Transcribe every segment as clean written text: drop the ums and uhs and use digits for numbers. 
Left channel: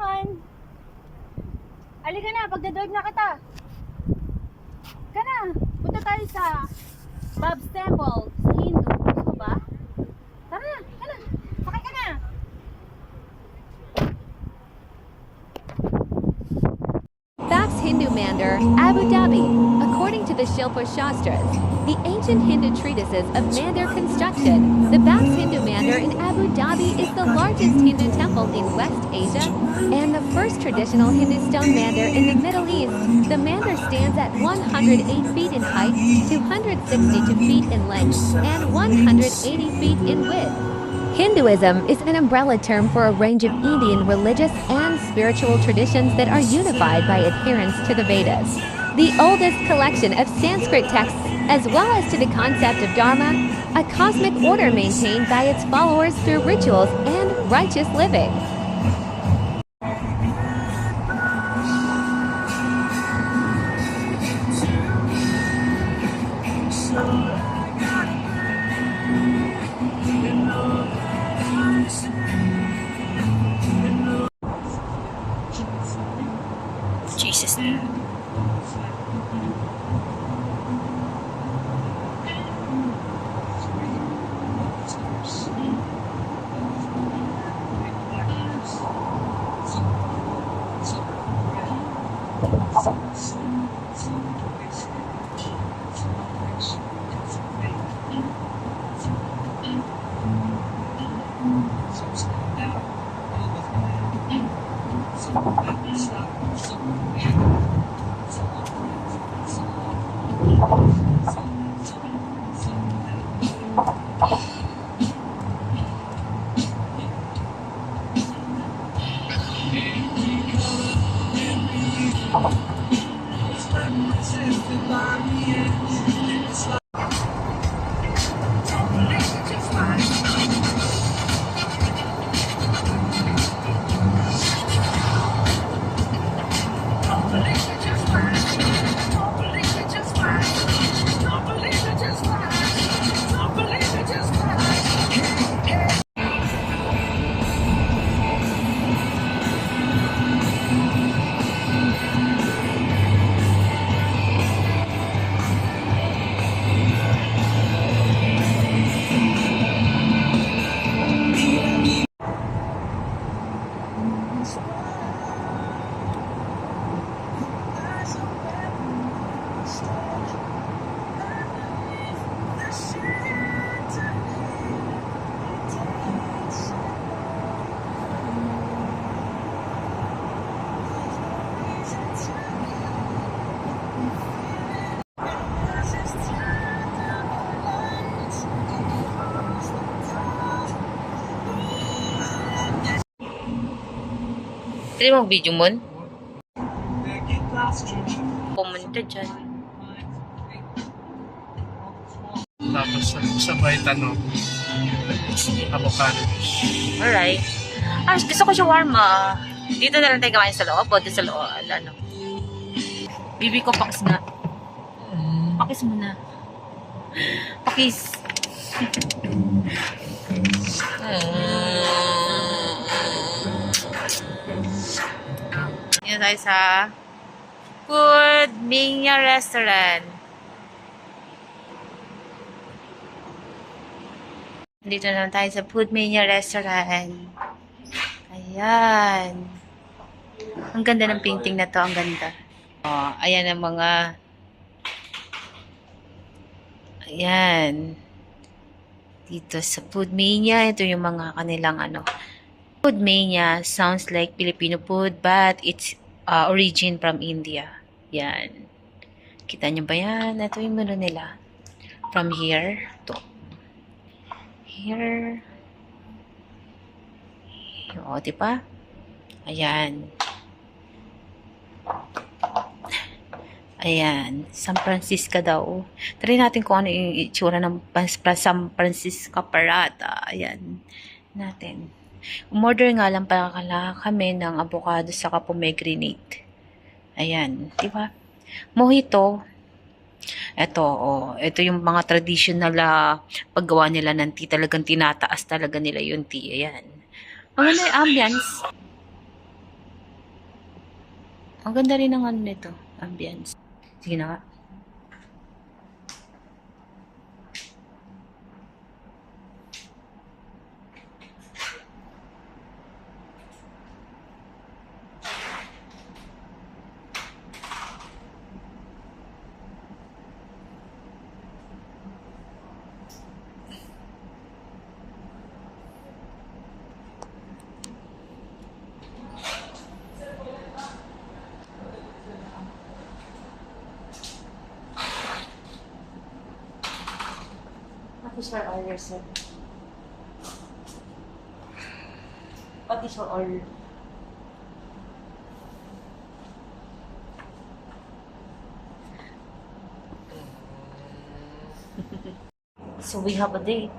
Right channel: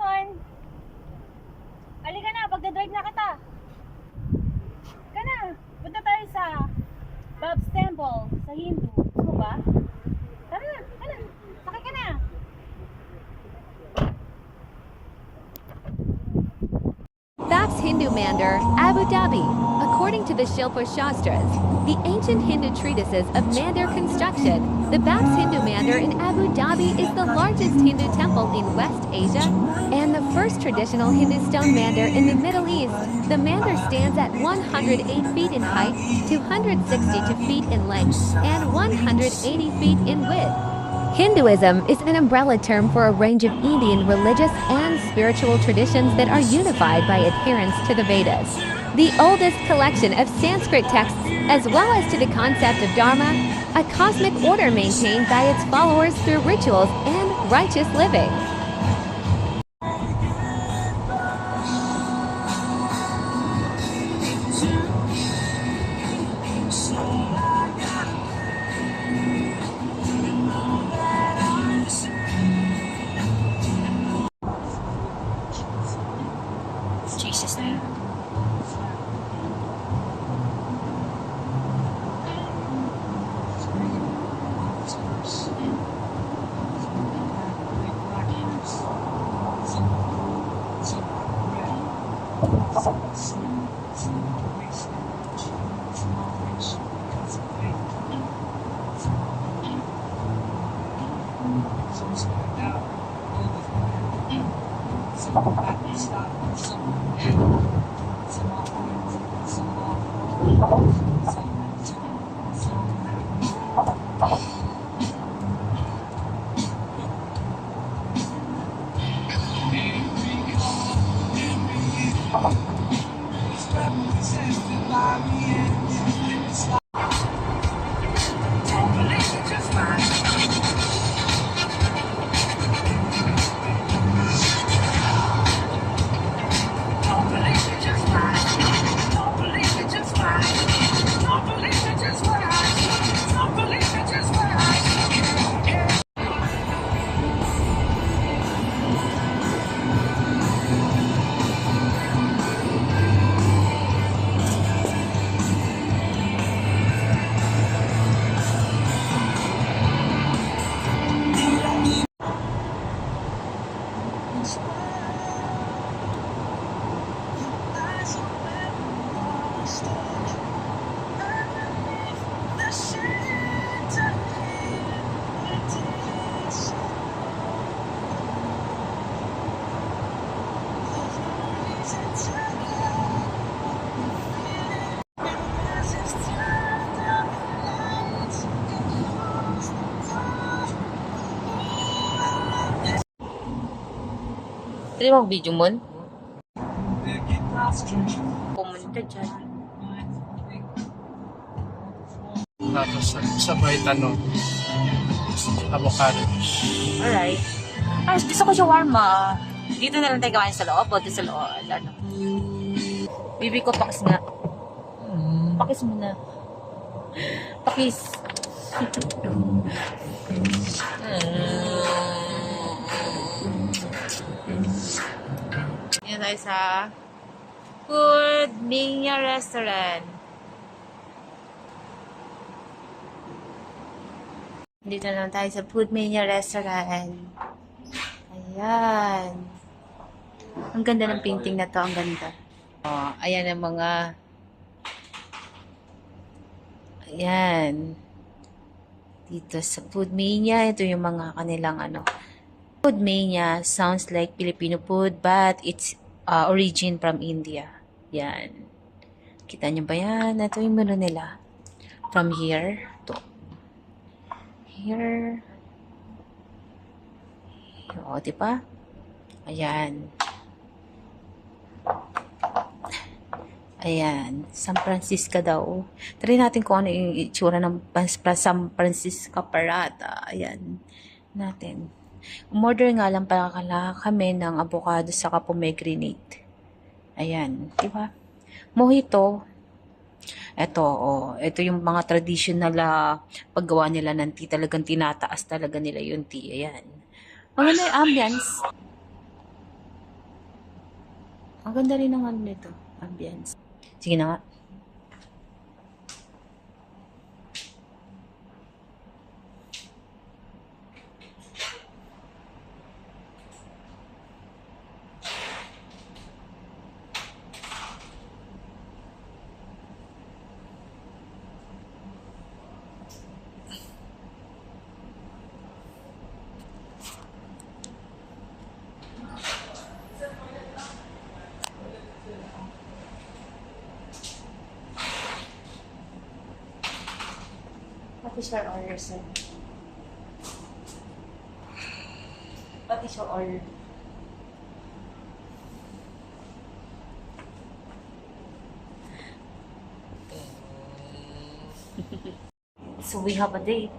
on. Halika na, pagdadrive na kita. Ka na. Punta tayo sa Bob's Temple sa Hindu. Gusto mo ba? Tara na, ka na. Sakay ka na. Bab's Hindu Mandir, Abu Dhabi. According to the Shilpa Shastras, the ancient Hindu treatises of Mandir construction, the Bab's Hindu Mandir in Abu Dhabi is the largest Hindu temple in West Asia and the first traditional Hindu stone mandir in the Middle East. The mandir stands at 108 feet in height, 262 feet in length, and 180 feet in width. Hinduism is an umbrella term for a range of Indian religious and spiritual traditions that are unified by adherence to the Vedas, the oldest collection of Sanskrit texts, as well as to the concept of Dharma, a cosmic order maintained by its followers through rituals and righteous living. Jesus. Pwede mo video mo? Pumunta dyan. Tapos sabay tanong, avocado. Alright. Gusto ko shawarma. Dito na lang tayo kain sa loob. O, sa loob. Ano. Bibi ko, pakis nga. Pakis mo na. Pakis. Yan tayo sa Food Mania Restaurant. Dito naman tayo sa Food Mania Restaurant. Ayan. Ang ganda ng painting na to. Ang ganda. Oh, ayan ang mga... Ayan. Dito sa Food Mania, ito yung mga kanilang ano. Food Mania sounds like Filipino food, but it's origin from India. Yan. Kita nyo ba yan? Ito yung menu nila. From here to here. O, diba? Ayan. Ayan. San Francisco daw. Try natin kung ano yung itsura ng San Francisco Parata. Ayan. Natin. Umorder nga lang pala kami ng avocado saka pomegranate. Ayan. Diba? Mojito. Ito, ito yung mga traditional paggawa nila ng tea. Talagang tinataas talaga nila yung tea. Ayan. Maganda yung ambience. Ang ganda rin ng ano nito, ambience. Sige na nga. What is your order, sir? What is your order? So we have a date.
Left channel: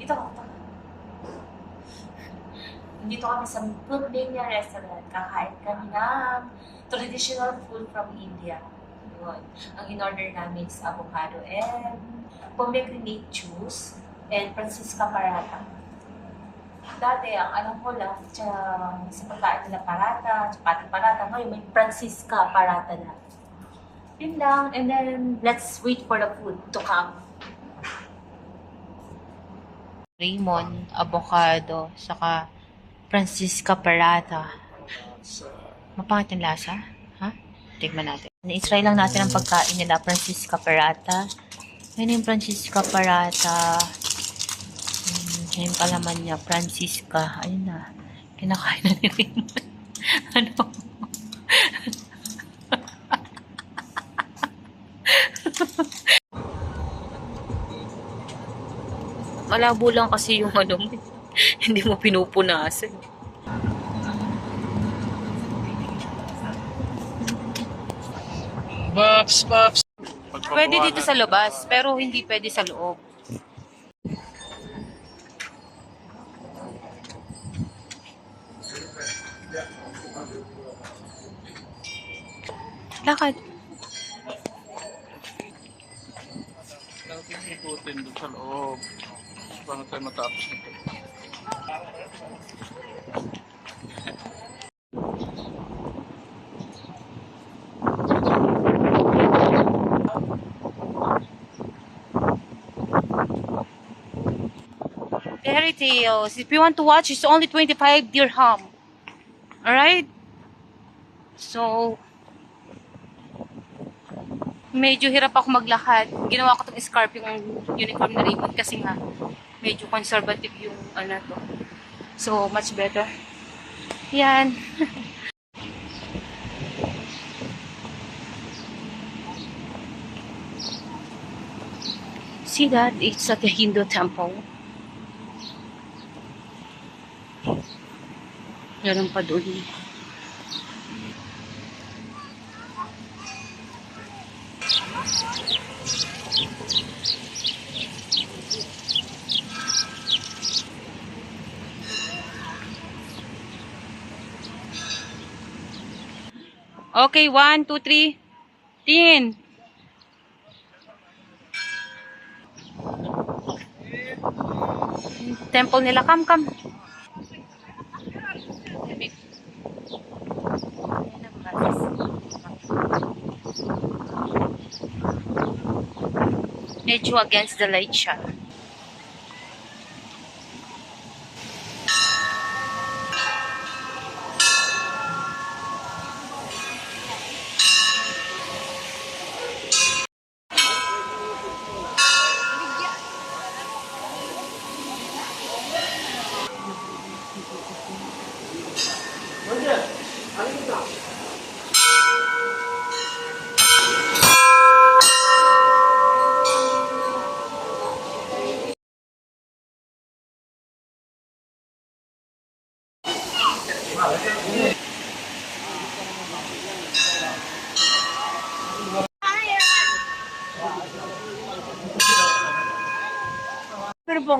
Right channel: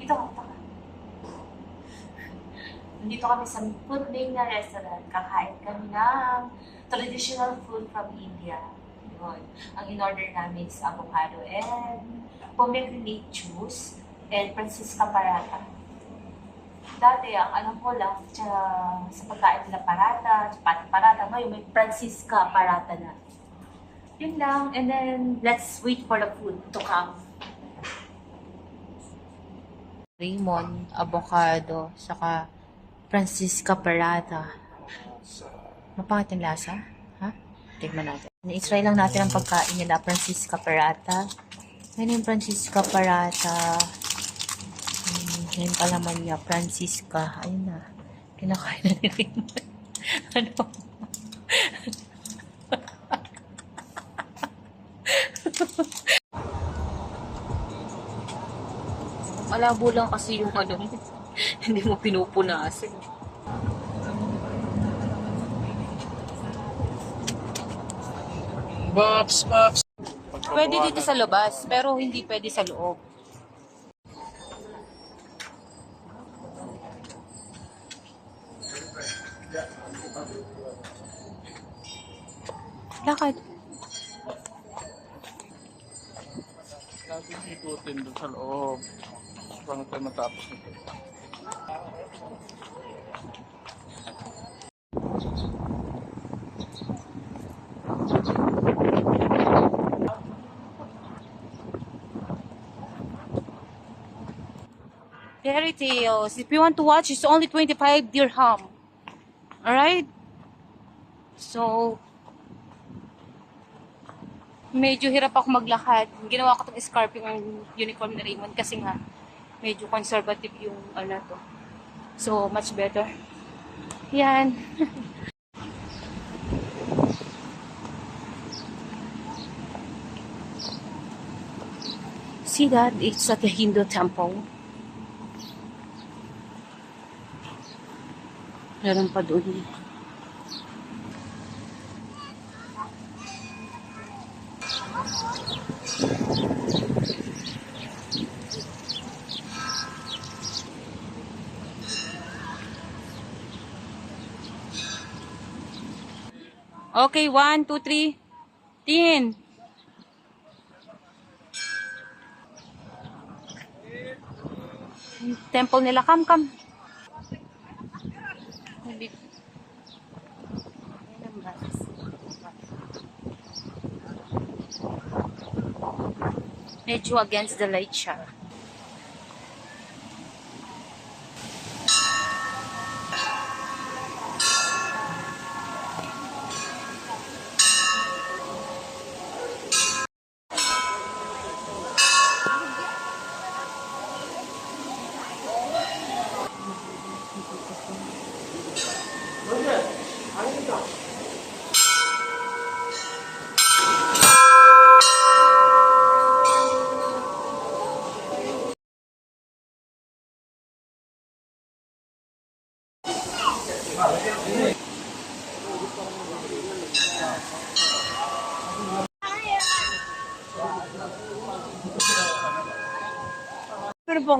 Dito ka. Nandito kami sa Pudlinya Restaurant. Kakain kami ng traditional food from India. Yun. Ang in-order namin is avocado and pomegranate juice and Francisca paratha. Dati, ang alam ko lang, sa pagkain nila paratha, chapati paratha, ngayon may Francisca paratha na. Yun lang. And then, let's wait for the food to come. Raymond, avocado, saka Francisca paratha. Mapangit yung lasa? Ha? Tignan natin. I-try lang natin ang pagkain nila, Francisca paratha. Ngayon yung Francisca paratha. Ngayon pa naman niya, Francisca. Ayun na. Kinakain na ni Raymond. Ano? Malabo lang kasi yung ano mo. Hindi mo pinupunasan. Babs. Pwede dito sa labas, pero hindi pwede sa loob. Lakad. Natin ikutin doon sa loob. Paano tayo matapos nito? Fairy Tales. If you want to watch, it's only 25 dirham. Alright? So, medyo hirap ako maglakad. Ginawa ko itong scarf yung uniform na Raymond kasi nga medyo conservative yung ano to. So, much better. Yan. See that? It's at the Hindu temple. Meron pa doon. Okay, 1, 2, 3. Tin. Temple nila. Come. Medyo against the light siya.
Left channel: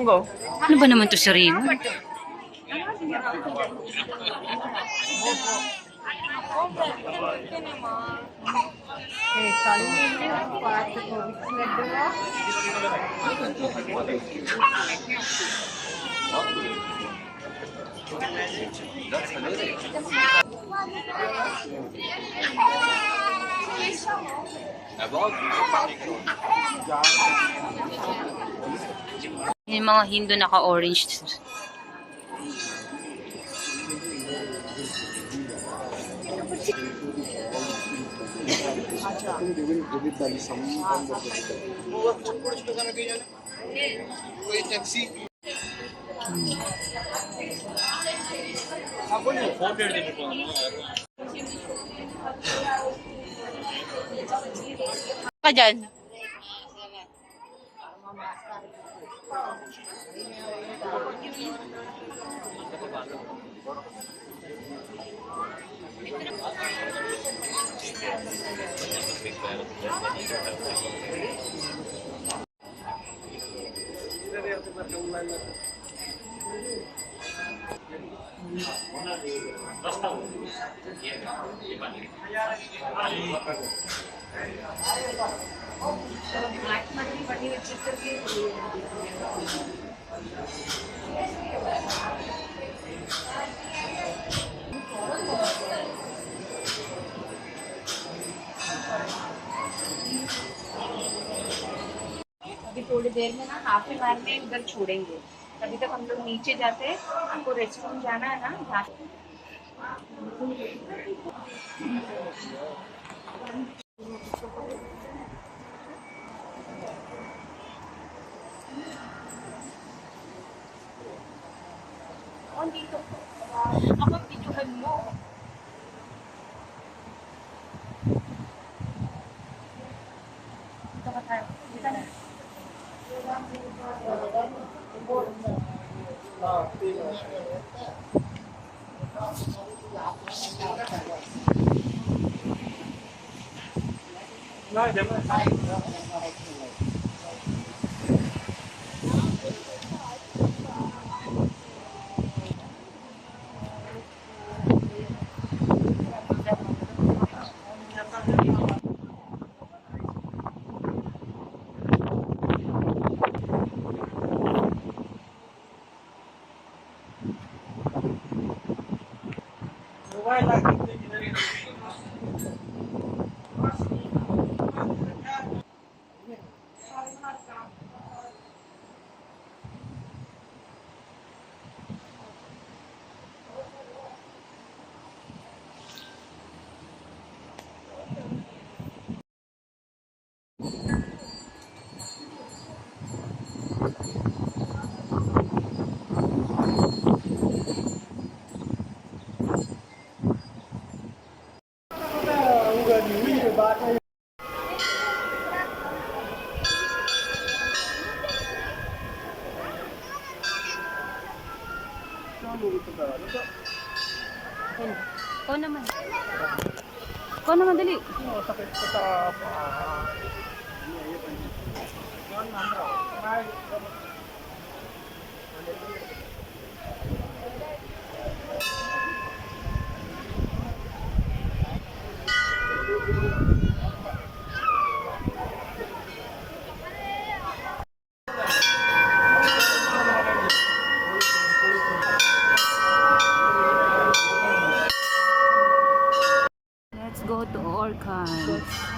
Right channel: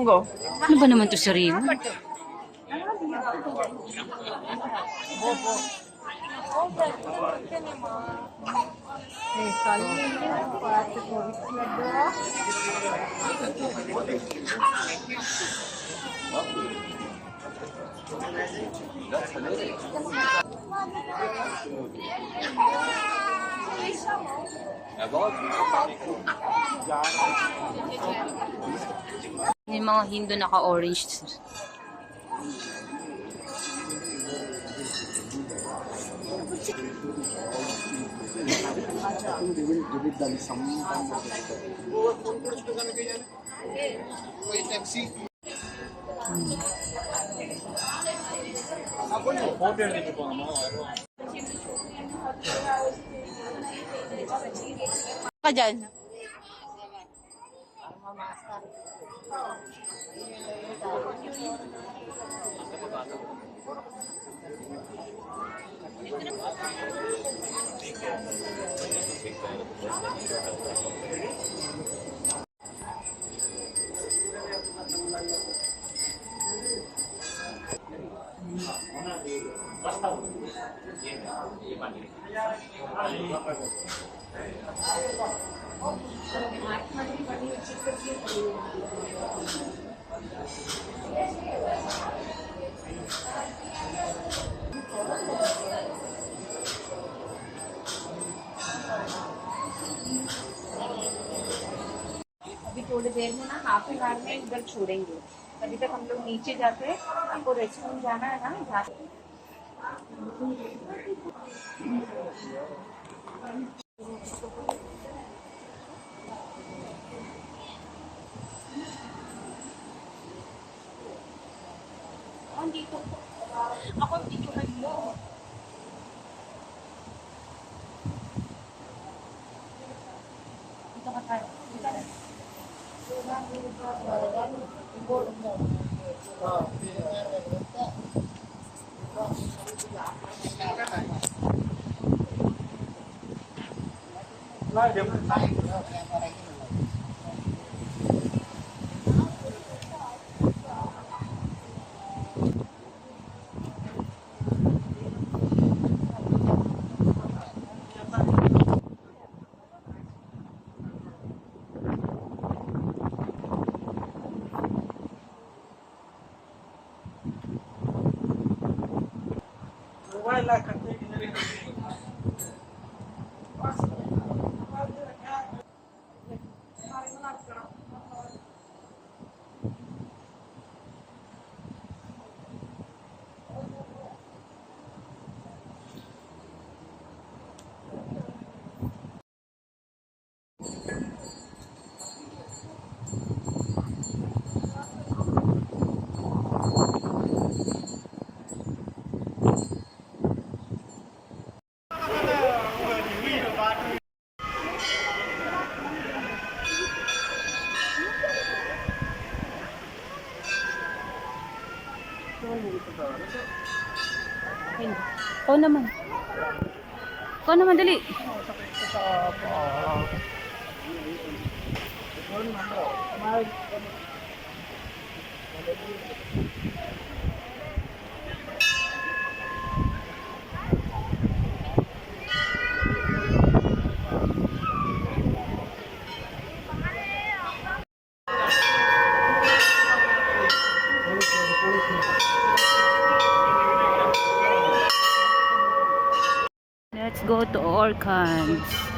Ano ba naman to si Raymond? Yung mga Hindu naka-orange. Ka dyan? अभी थोड़ी देर में ना half an hour में इधर छोड़ेंगे। तभी तक हम लोग नीचे जाते हैं। आपको रेस्टोरेंट जाना है ना, जाते dito. Ako, videoan mo. Dito ka tayo. Dito na. Ikaw naman. Ikaw naman, dali. Sakit ko sa paa. Let's go to Orcans.